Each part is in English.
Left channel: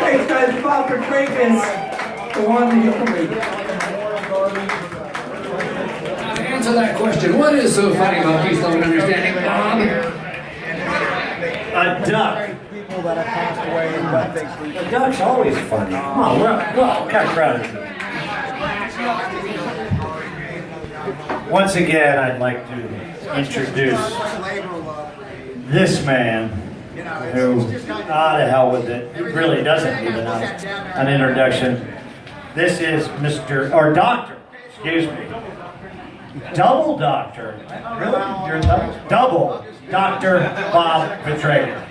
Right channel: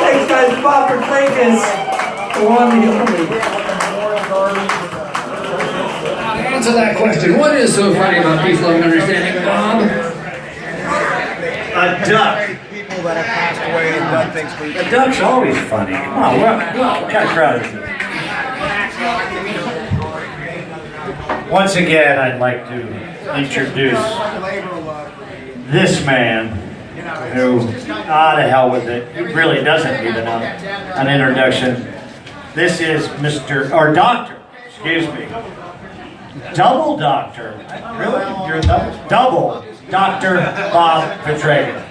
Thanks, guys. Bob Fitrakis, the one, the only. To answer that question, what is so funny about peace, love, and understanding, Bob? A duck. People that have passed away and done things we... A duck's always funny. Come on, what kind of crowd is it? Once again, I'd like to introduce this man who, to hell with it, he really doesn't need an introduction. This is Doctor, excuse me. Double Doctor. Really? You're double Dr. Bob Fitrakis.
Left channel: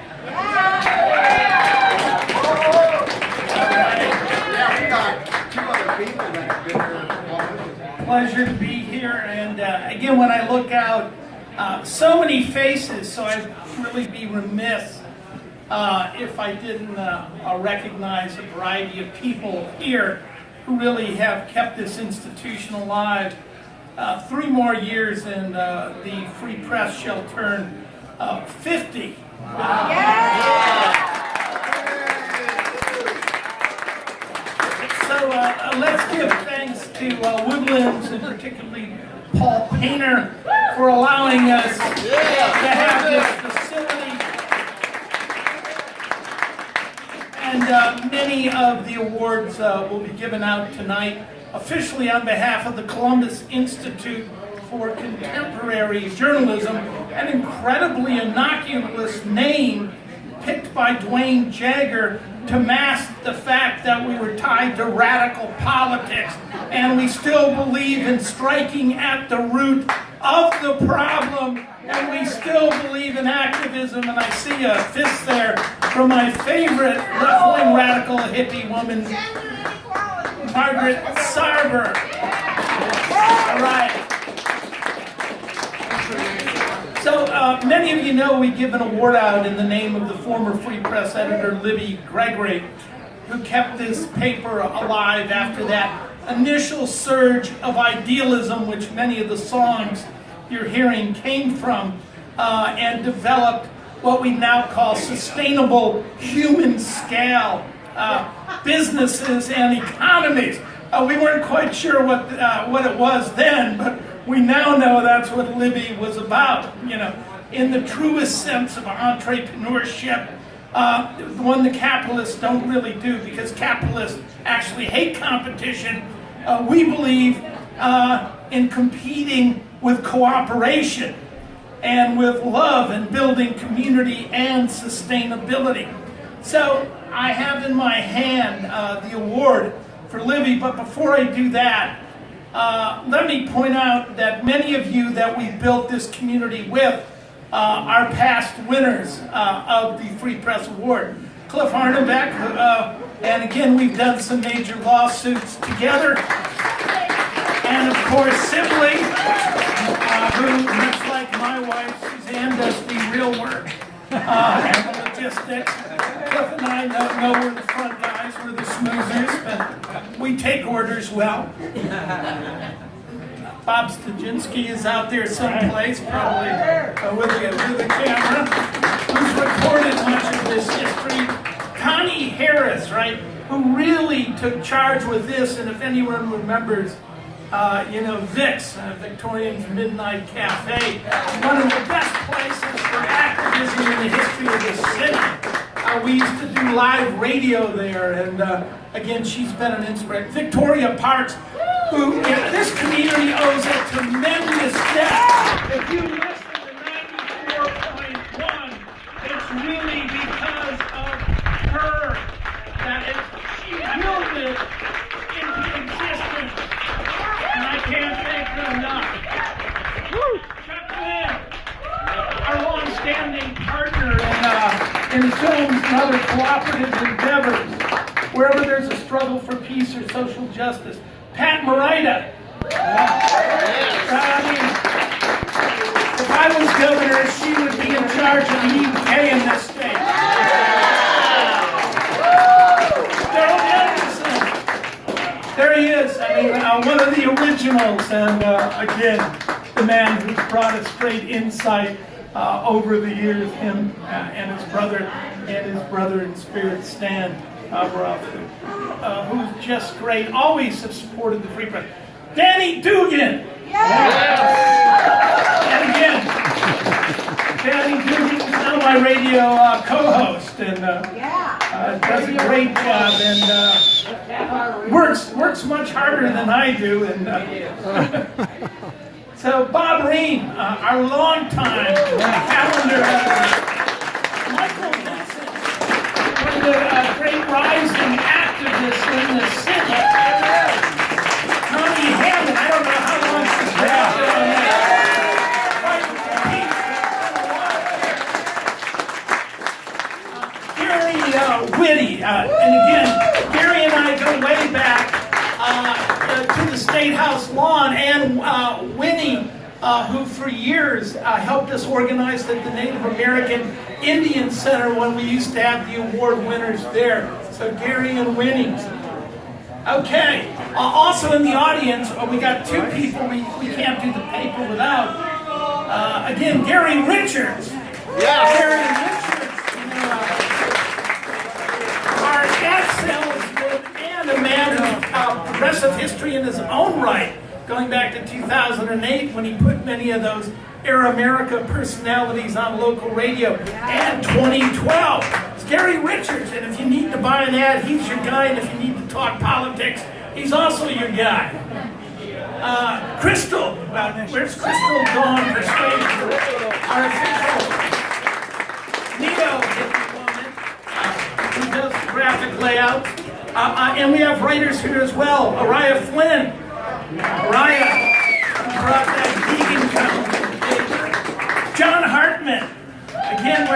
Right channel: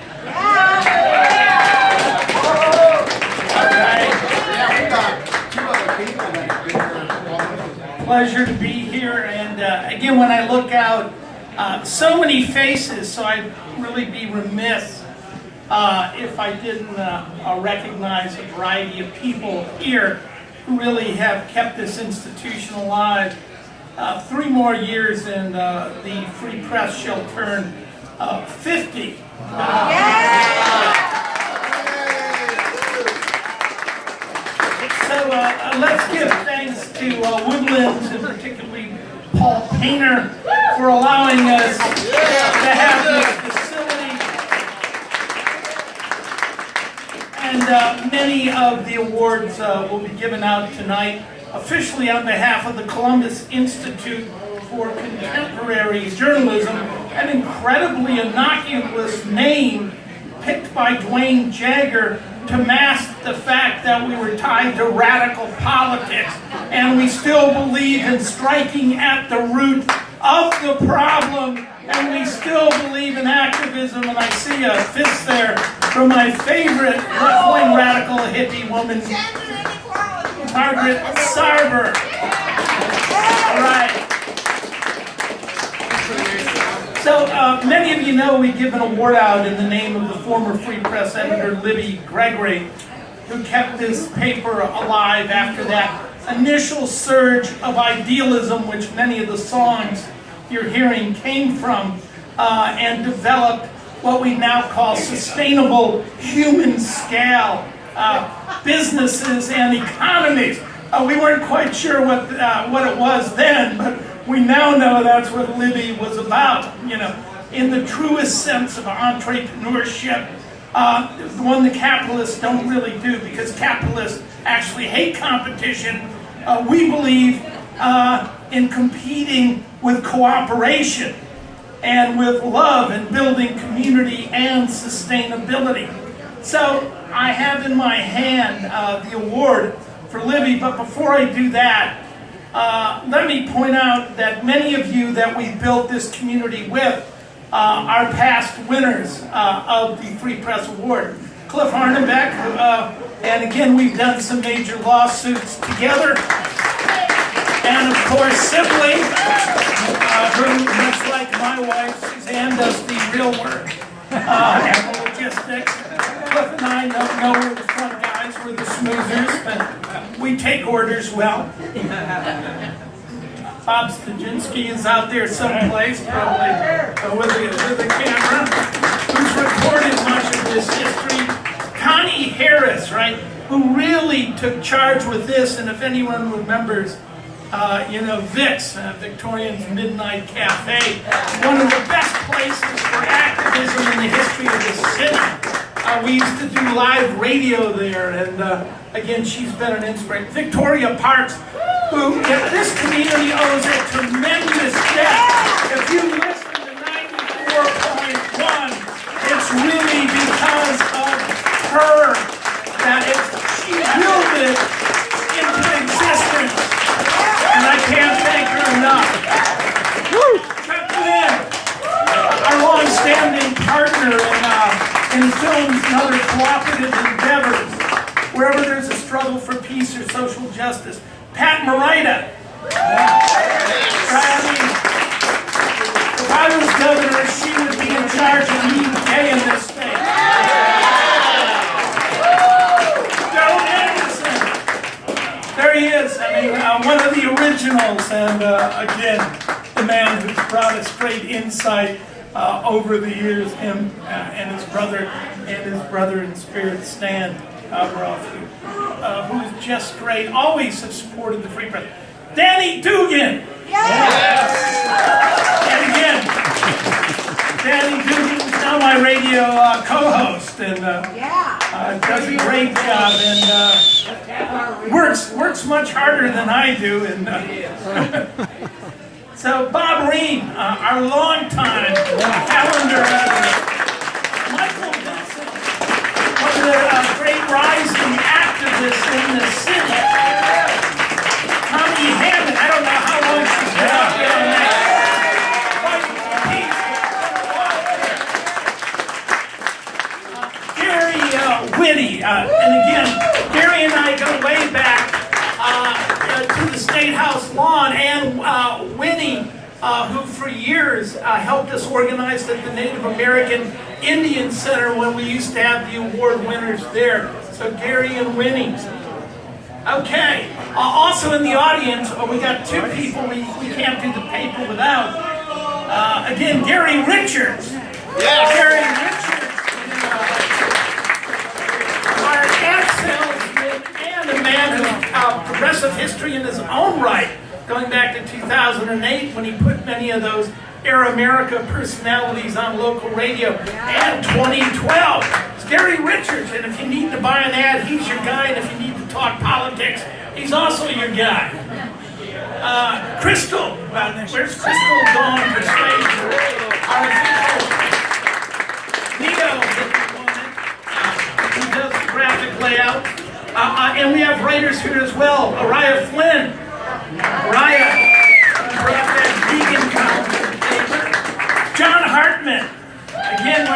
Pleasure to be here, and again, when I look out, so many faces, so I'd really be remiss if I didn't recognize a variety of people here who really have kept this institution alive. 3 more years and the Free Press shall turn 50. So let's give thanks to Woodlands, and particularly Paul Painter, for allowing us to have this facility. And many of the awards will be given out tonight, officially on behalf of the Columbus Institute for Contemporary Journalism, an incredibly innocuous name picked by Dwayne Jagger to mask the fact that we were tied to radical politics, and we still believe in striking at the root of the problem, and we still believe in activism. And I see a fist there from my favorite left-wing radical hippie woman, Margaret Sarber. All right. So many of you know we give an award out in the name of the former Free Press editor Libby Gregory, who kept this paper alive after that initial surge of idealism, which many of the songs you're hearing came from, and developed what we now call sustainable human scale businesses and economies. We weren't quite sure what it was then, but we now know that's what Libby was about, in the truest sense of entrepreneurship, the one the capitalists don't really do, because capitalists actually hate competition. We believe in competing with cooperation and with love and building community and sustainability. So I have in my hand the award for Libby, but before I do that, let me point out that many of you that we built this community with are past winners of the Free Press Award. Cliff Hardenbeck, and again, we've done some major lawsuits together. And of course, Sibley, who, much like my wife, Suzanne, does the real work and the logistics. Cliff and I know we're the front guys, we're the smoozers, but we take orders well. Bob Stajinsky is out there someplace, probably with a camera, who's recorded much of this history. Connie Harris, right, who really took charge with this, and if anyone remembers, VIX, Victorian's Midnight Cafe, one of the best places for activism in the history of the city. We used to do live radio there, and again, she's been an inspiration. Victoria Parks, who, this community owes a tremendous debt. If you listen to 94.1, it's really because of her that she willed it into existence. And I can't thank her enough. Chuck Lynn, our long-standing partner in films and other cooperative endeavors, wherever there's a struggle for peace or social justice. Pat Morita. If I was governor, she would be in charge of the UK in this state. Daryl Anderson. There he is. One of the originals, and again, the man who's brought us great insight over the years, him and his brother and his brother in spirit, Stan Ruff, who's just great, always have supported the Free Press. Danny Dugan! And again, Danny Dugan is now my radio co-host, and does a great job, and works much harder than I do. And so Bob Reen, our longtime calendar editor, Michael Vincent, one of the great rising activists in the city. Tommy Hammond, I don't know how long she's been out there on that. Gary Whitty, and again, Gary and I go way back to the State House lawn, and Winnie, who for years helped us organize at the Native American Indian Center when we used to have the award winners there. So Gary and Winnie. Okay, also in the audience, we got two people we can't do the paper without. Again, Gary Richards. Yeah. Gary Richards. Our ex-salesman and a man of progressive history in his own right, going back to 2008 when he put many of those Air America personalities on local radio, and 2012. It's Gary Richards, and if you need to buy an ad, he's your guy, and if you need to talk politics, he's also your guy. Crystal, where's Crystal gone? Our official Nito, who does the graphic layout. And we have writers here as well. Araya Flynn. Araya brought that vegan column. John Hartman. Again,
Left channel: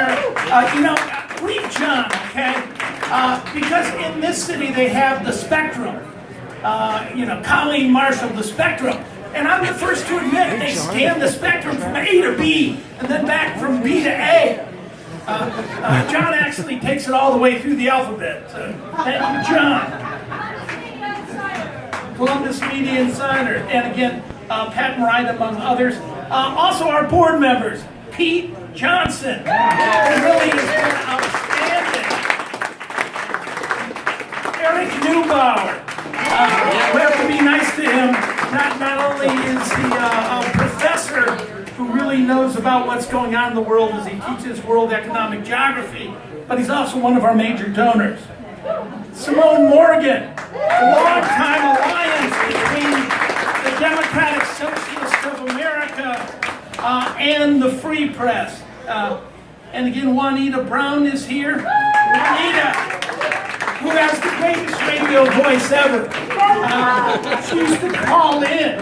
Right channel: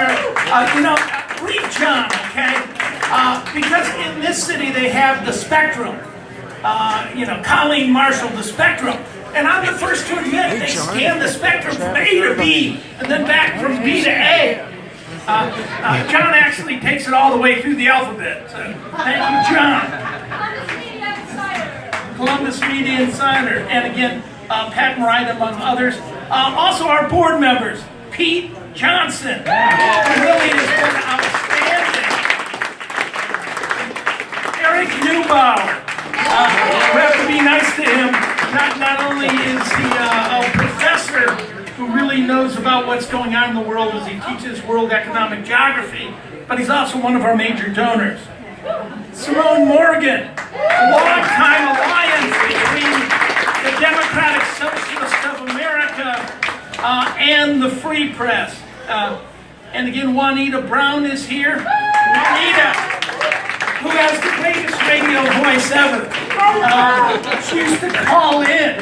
read John, okay? Because in this city they have the Spectrum. Colleen Marshall, the Spectrum. And I'm the first to admit they scan the spectrum from A to B and then back from B to A. John actually takes it all the way through the alphabet. So, thank you, John. Columbus Media Insider. And again, Pat Wright, among others. Also our board members, Pete Johnson, who really has been outstanding. Eric Neubauer. We have to be nice to him. Not only is he a professor who really knows about what's going on in the world as he teaches world economic geography, but he's also one of our major donors. Simone Morgan, a long-time alliance between the Democratic Socialists of America and the Free Press. And again, Juanita Brown is here. Juanita, who has the greatest radio voice ever. She used to call in.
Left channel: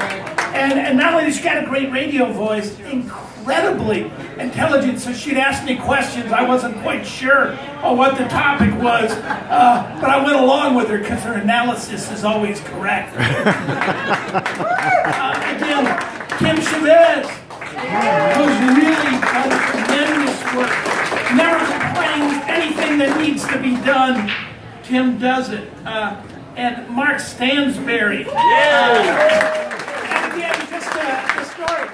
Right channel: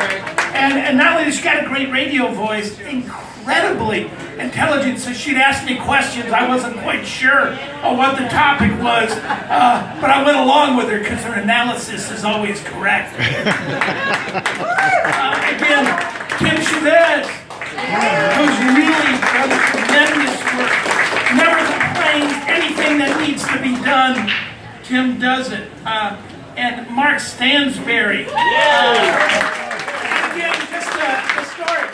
And not only does she got a great radio voice, incredibly intelligent, so she'd ask me questions. I wasn't quite sure of what the topic was, but I went along with her because her analysis is always correct. Again, Tim Chavez, who's really done tremendous work. Never complains. Anything that needs to be done, Tim does it. And Mark Stansberry. Again, just a story.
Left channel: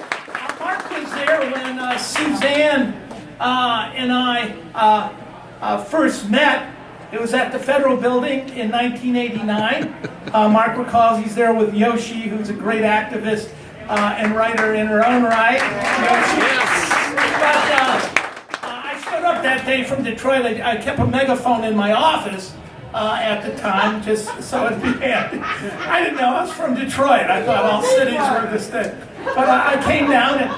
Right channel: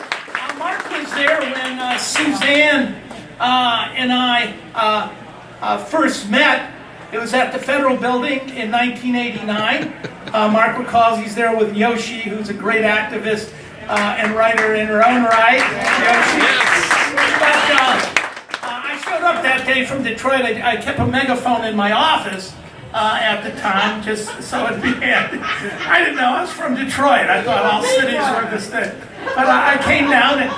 Mark was there when Suzanne and I first met. It was at the Federal Building in 1989. Mark recalls he's there with Yoshi, who's a great activist and writer in her own right. Yoshi. But I showed up that day from Detroit. I kept a megaphone in my office. At the time, just so it'd be handy. I didn't know I was from Detroit. I thought all cities were the same. But I came down and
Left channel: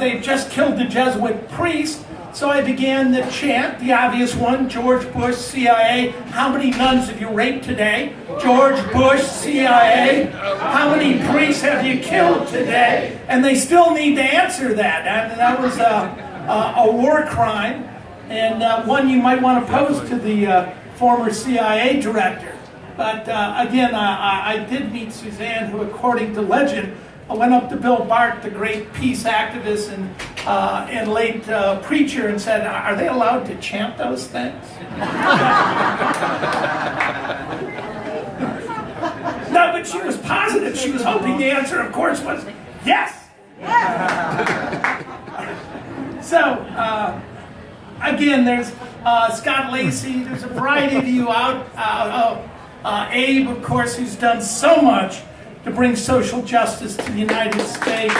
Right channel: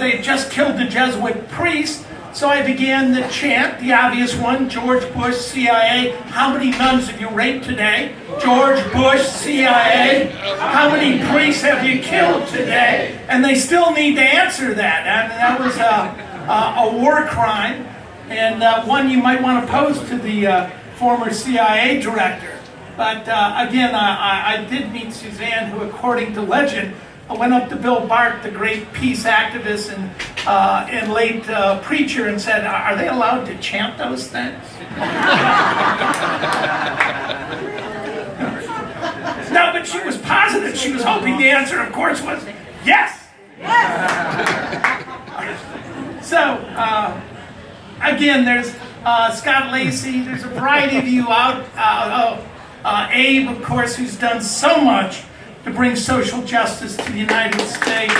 they had just killed the Jesuit priest, so I began the chant, the obvious one, George Bush, CIA. How many nuns have you raped today? George Bush, CIA. How many priests have you killed today? And they still need to answer that. And that was a war crime, and one you might want to pose to the former CIA director. But again, I did meet Suzanne, who, according to legend, went up to Bill Bart, the great peace activist and late preacher, and said, "Are they allowed to chant those things?" No, but she was positive. She was hoping the answer, of course, was yes. So again, there's Scott Lacey. There's a variety of you out. Abe, of course, who's done so much to bring social justice to the United States.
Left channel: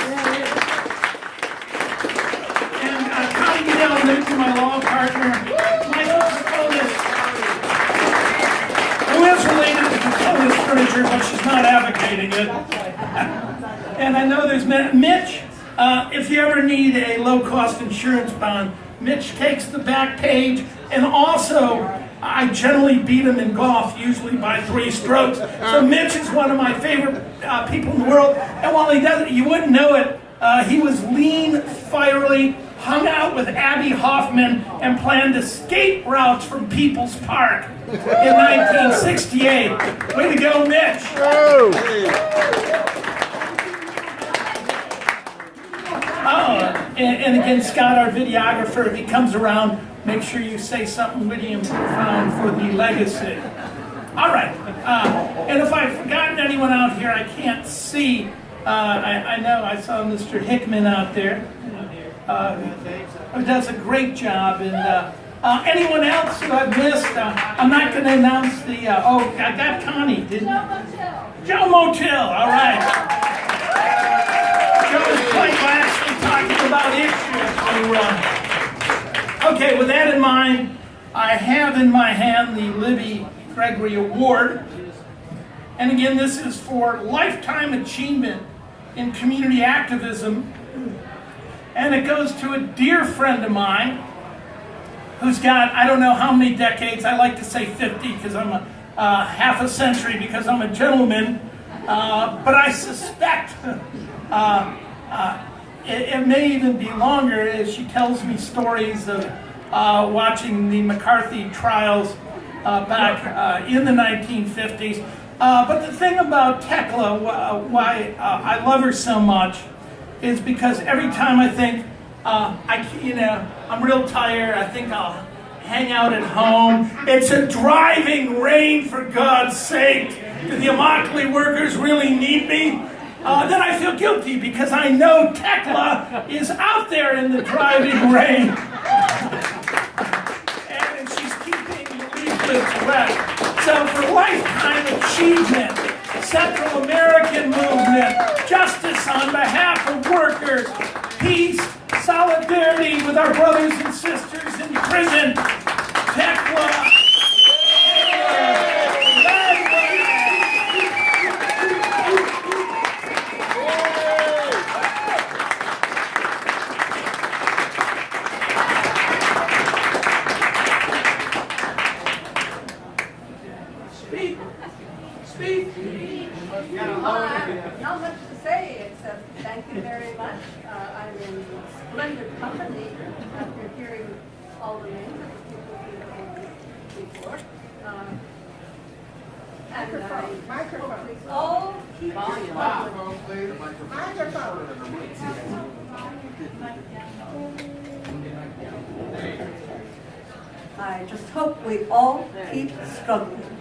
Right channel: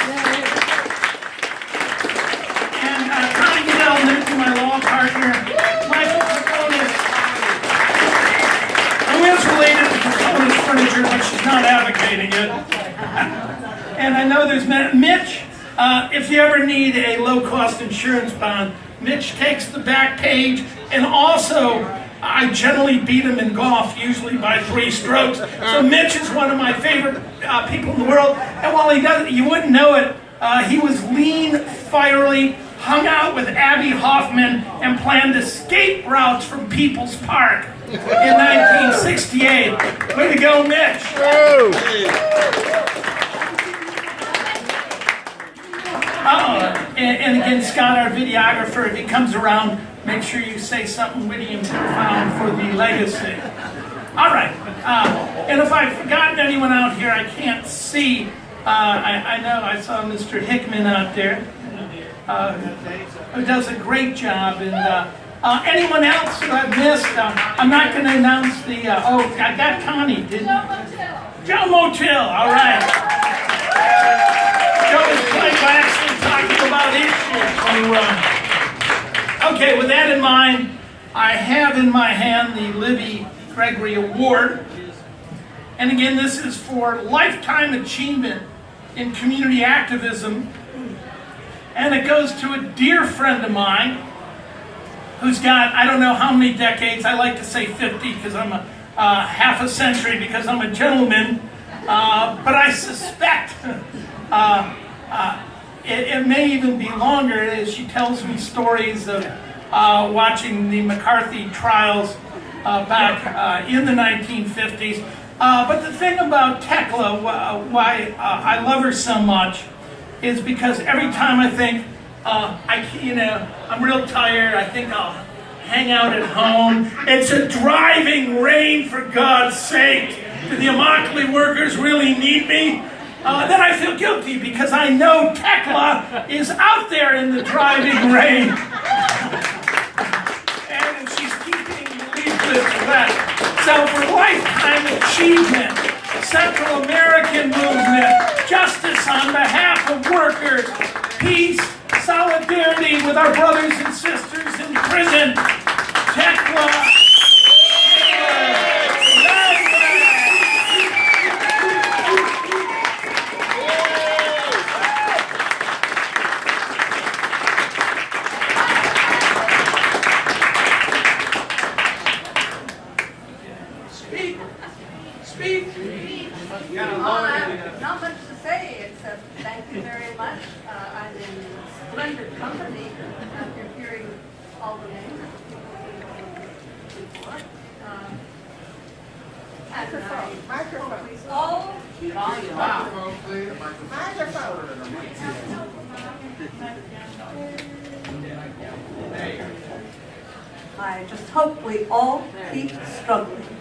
And Connie Goodell, Lindsay, my law partner, Michael Fitrakis, who is related to Fitrakis furniture, but she's not advocating it. And I know there's Mitch. If you ever need a low-cost insurance bond, Mitch takes the back page, and also I generally beat him in golf, usually by 3 strokes. So Mitch is one of my favorite people in the world. And while he doesn't, you wouldn't know it, he was lean, fiery, hung out with Abby Hoffman, and planned escape routes from People's Park in 1968. Way to go, Mitch. And again, Scott, our videographer, if he comes around, make sure you say something witty and profound for the legacy. All right. And if I've forgotten anyone out here, I can't see. I know I saw Mr. Hickman out there, who does a great job. And anyone else who I've missed, I'm not going to announce the. I got Connie, didn't I? Joe Motil. All right. Joe was quite actually talking about issues. Okay, with that in mind, I have in my hand the Libby Gregory Award. And again, this is for lifetime achievement in community activism. And it goes to a dear friend of mine who's got, I don't know how many decades, I like to say 50 because I'm half a century because I'm a gentleman. But I suspect it may even be longer as she tells me stories of watching the McCarthy trials back in the 1950s. But the thing about Tekla, why I love her so much, is because every time I think, I'm real tired, I think I'll hang out at home. It's a driving rain, for God's sake. Do the Immokalee workers really need me? Then I feel guilty because I know Tekla is out there in the driving rain. And she's keeping the leaflets wet. So for lifetime achievement, Central American movement, justice on behalf of workers, peace, solidarity with our brothers and sisters in prison, Tekla. Not much to say except thank you very much. I'm in splendid company after hearing all the names of the people who before. And I all keep I just hope we all keep struggling.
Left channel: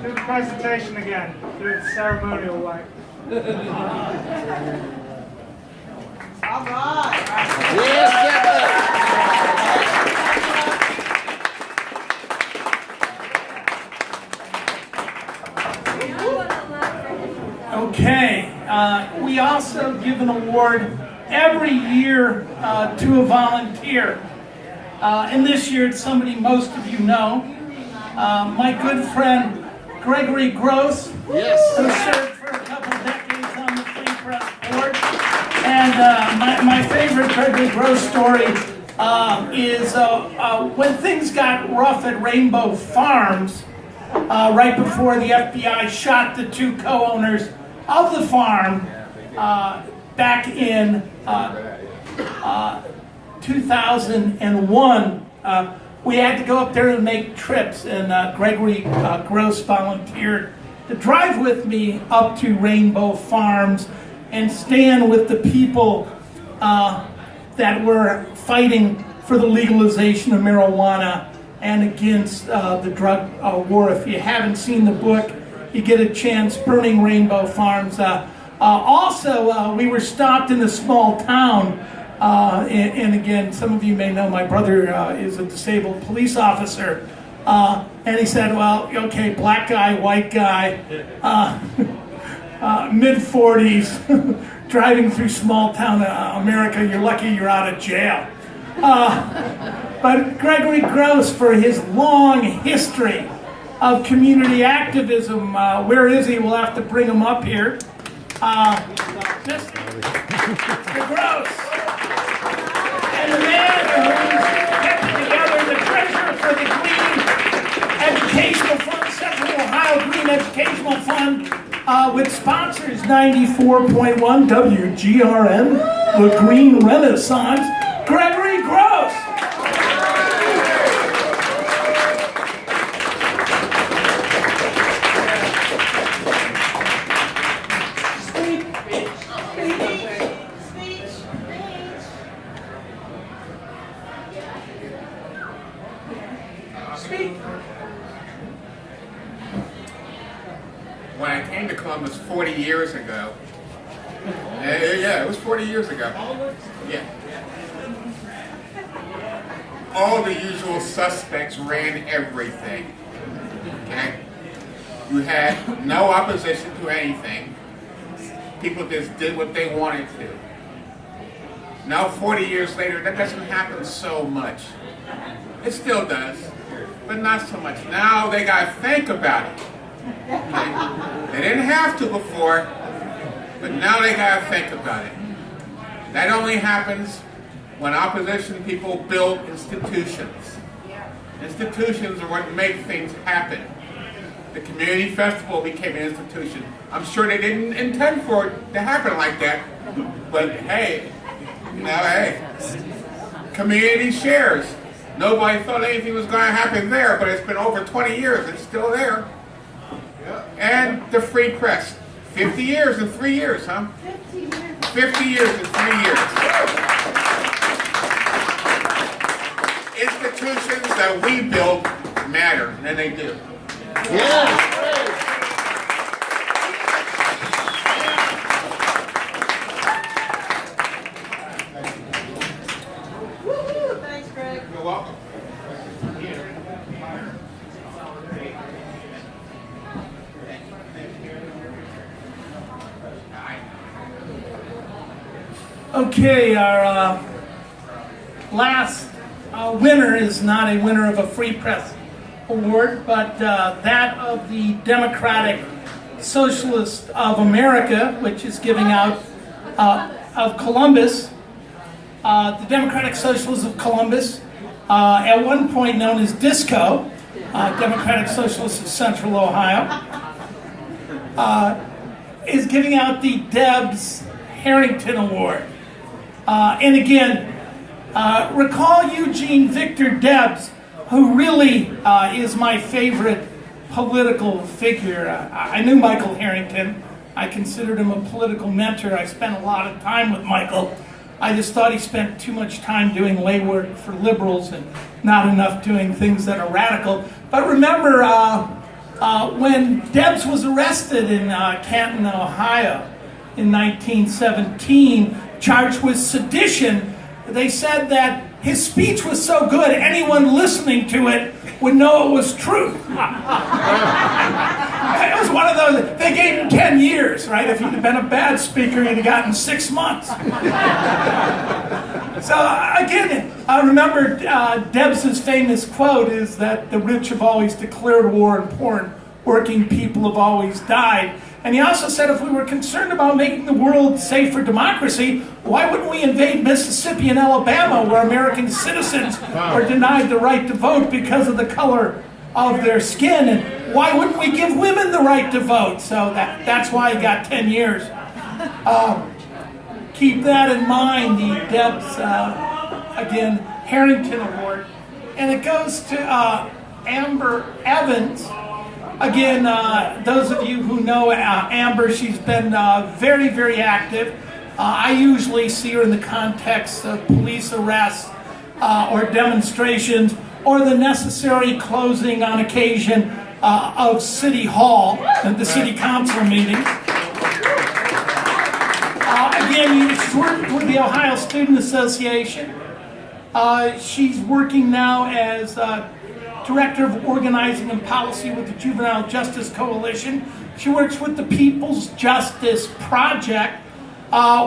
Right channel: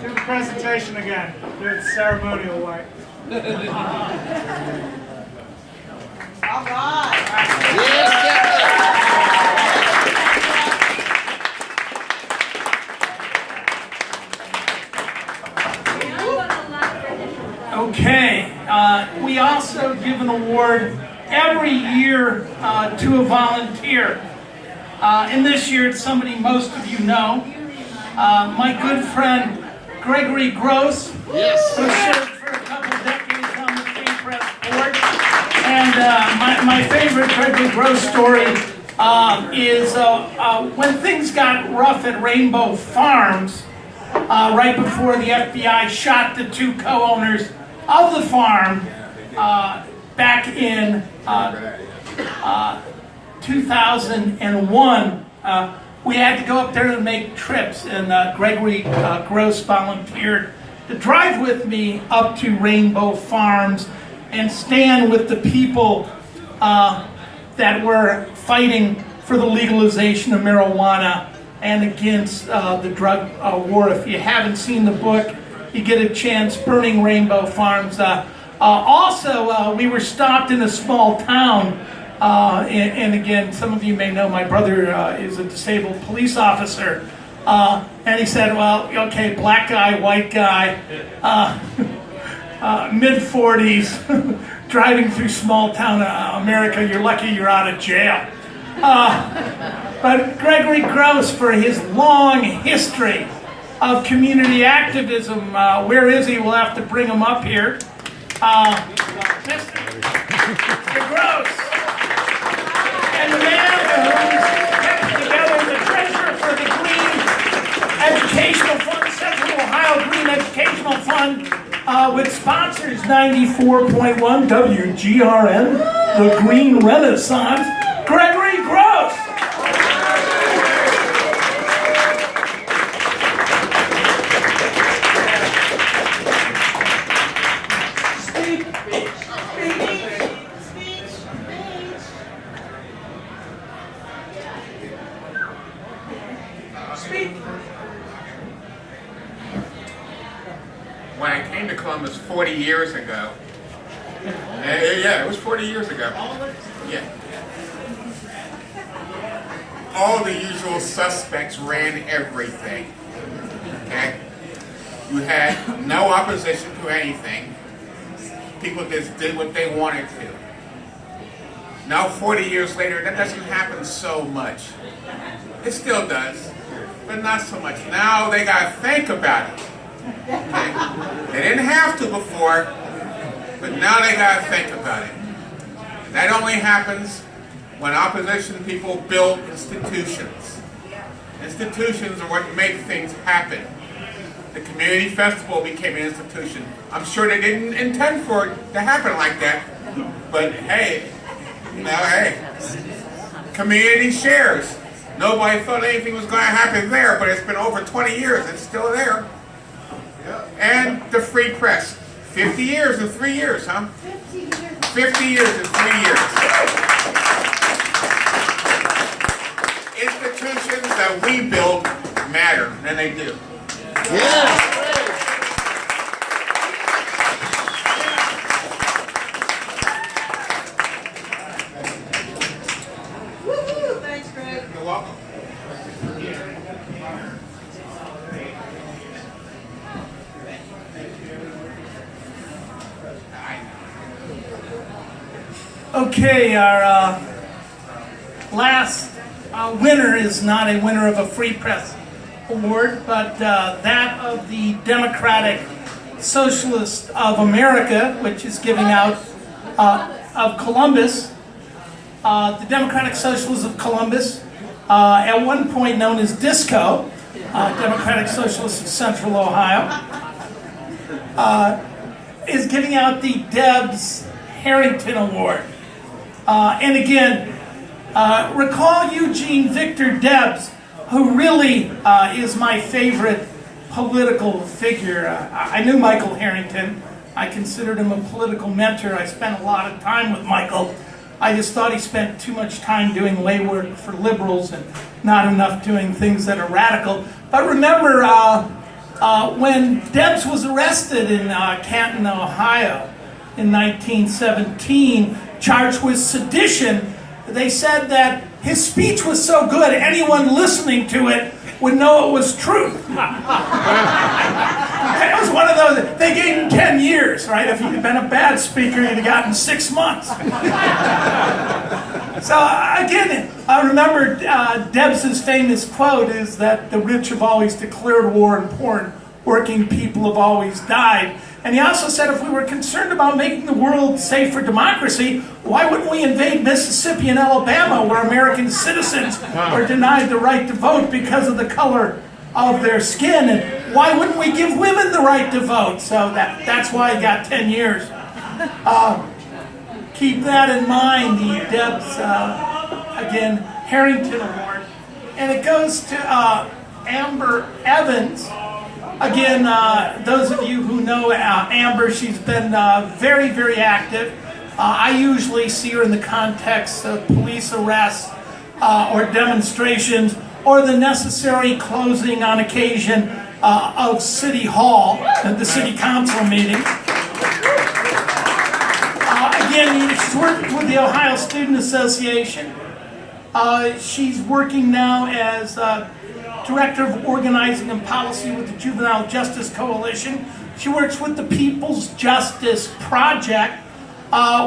Do the presentation again. Do it ceremonial way. All right. Okay. We also give an award every year to a volunteer. And this year it's somebody most of you know. My good friend Gregory Gross, who served for a couple of decades on the Free Press Board. And my favorite Gregory Gross story is when things got rough at Rainbow Farms, right before the FBI shot the 2 co-owners of the farm back in 2001. We had to go up there to make trips, and Gregory Gross volunteered to drive with me up to Rainbow Farms and stand with the people that were fighting for the legalization of marijuana and against the drug war. If you haven't seen the book, you get a chance, burning rainbow farms. Also, we were stopped in a small town, and again, some of you may know my brother is a disabled police officer, and he said, well, okay, black guy, white guy, mid-40s, driving through small town America, you're lucky you're out of jail. But Gregory Gross, for his long history of community activism, where is he? We'll have to bring him up here. Mr. Gross, and the man who's kept together the treasurer for the Green Educational Fund, Central Ohio Green Educational Fund, which sponsors 94.1 WGRN, the Green Renaissance, Gregory Gross. When I came to Columbus 40 years ago, yeah, it was 40 years ago. Yeah. All the usual suspects ran everything. Okay? You had no opposition to anything. People just did what they wanted to. Now, 40 years later, that doesn't happen so much. It still does, but not so much. Now they got to think about it. Okay? They didn't have to before, but now they got to think about it. That only happens when opposition people build institutions. Institutions are what make things happen. The community festival became an institution. I'm sure they didn't intend for it to happen like that, but hey, community shares. Nobody thought anything was going to happen there, but it's been over 20 years. It's still there. And the free press. 50 years in 3 years, huh? 50 years in 3 years. Institutions that we build matter, and they do. Yeah. Woohoo! Thanks, Greg. You're welcome. Okay, our last winner is not a winner of a Free Press Award, but that of the Democratic Socialists of America, which is giving out of Columbus. The Democratic Socialists of Columbus, at one point known as DISCO, Democratic Socialists of Central Ohio, is giving out the Debs Harrington Award. And again, recall Eugene Victor Debs, who really is my favorite political figure. I knew Michael Harrington. I considered him a political mentor. I spent a lot of time with Michael. I just thought he spent too much time doing lay work for liberals and not enough doing things that are radical. But remember, when Debs was arrested in Canton, Ohio in 1917, charged with sedition, they said that his speech was so good, anyone listening to it would know it was truth. It was one of those, they gave him 10 years, right? If he'd have been a bad speaker, he'd have gotten 6 months. So again, I remember Debs' famous quote is that the rich have always declared war and poor working people have always died. And he also said if we were concerned about making the world safe for democracy, why wouldn't we invade Mississippi and Alabama, where American citizens are denied the right to vote because of the color of their skin? And why wouldn't we give women the right to vote? So that's why he got 10 years. Keep that in mind, the Debs, again, Harrington Award. And it goes to Amber Evans. Again, those of you who know Amber, she's been very, very active. I usually see her in the context of police arrests or demonstrations or the necessary closing on occasion of City Hall and the City Council meetings. Again, she's worked with the Ohio Student Association. She's working now as Director of Organizing and Policy with the Juvenile Justice Coalition. She works with the People's Justice Project,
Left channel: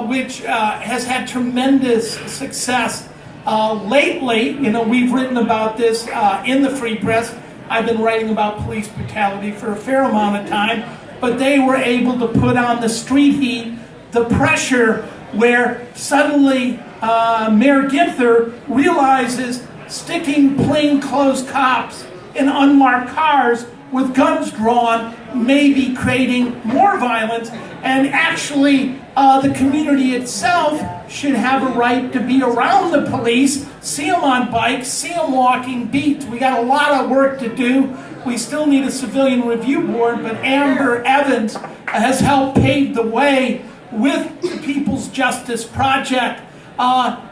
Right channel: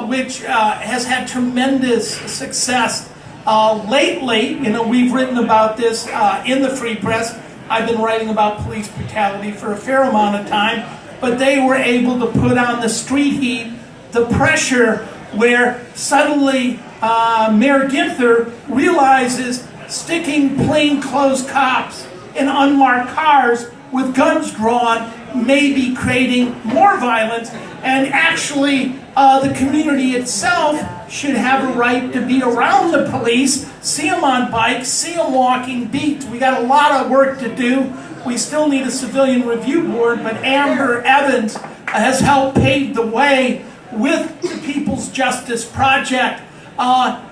which has had tremendous success lately. You know, we've written about this in the Free Press. I've been writing about police brutality for a fair amount of time, but they were able to put on the street heat, the pressure, where suddenly Mayor Ginther realizes sticking plainclothes cops in unmarked cars with guns drawn may be creating more violence, and actually the community itself should have a right to be around the police, see them on bikes, see them walking beats. We got a lot of work to do. We still need a civilian review board, but Amber Evans has helped pave the way with the People's Justice Project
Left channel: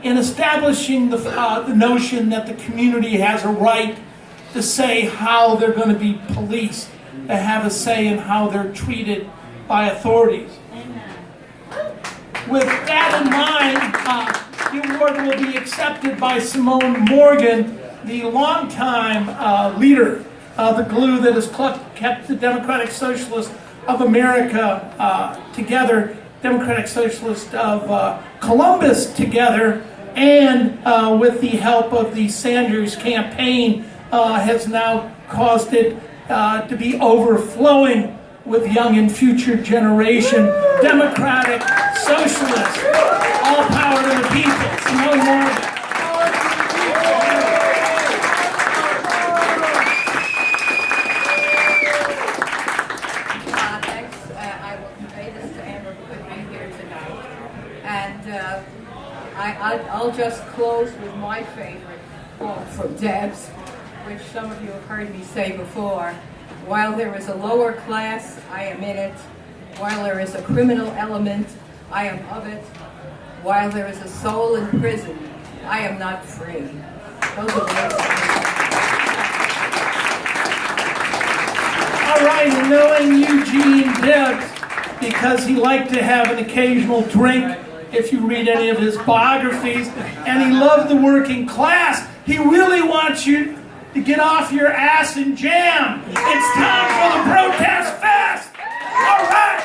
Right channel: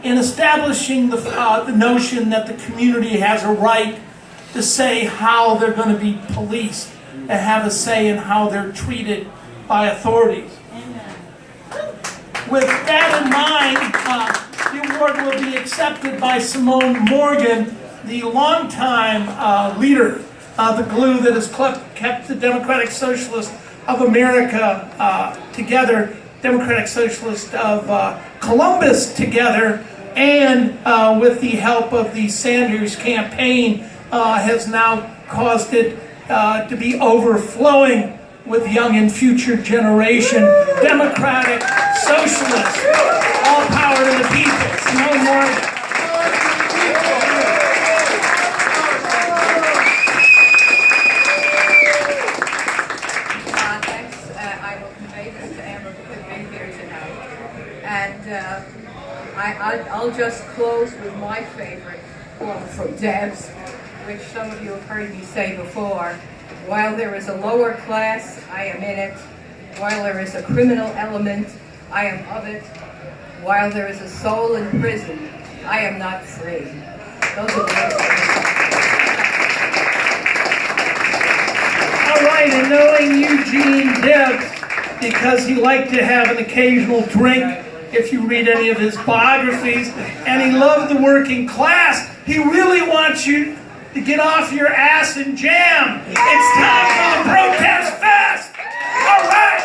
in establishing the notion that the community has a right to say how they're going to be policed, to have a say in how they're treated by authorities. With that in mind, the award will be accepted by Simone Morgan, the longtime leader of the glue that has kept the Democratic Socialists of America together, Democratic Socialists of Columbus together, and with the help of the Sanders campaign, has now caused it to be overflowing with young and future generation Democratic Socialists. All power to the people. No more. Thanks. I will convey this to Amber who's been here tonight. And I'll just close with my favorite quote from Debs, which some of you have heard me say before. While there is a lower class, I am in it. While there is a criminal element, I am of it. While there is a soul in prison, I am not free. Those are the words. All right, and knowing Eugene Debs, because he liked to have an occasional drink, if you read any of his biographies, and he loved the working class, he really wants you to get off your ass and jam. It's time for the protest fest. All right.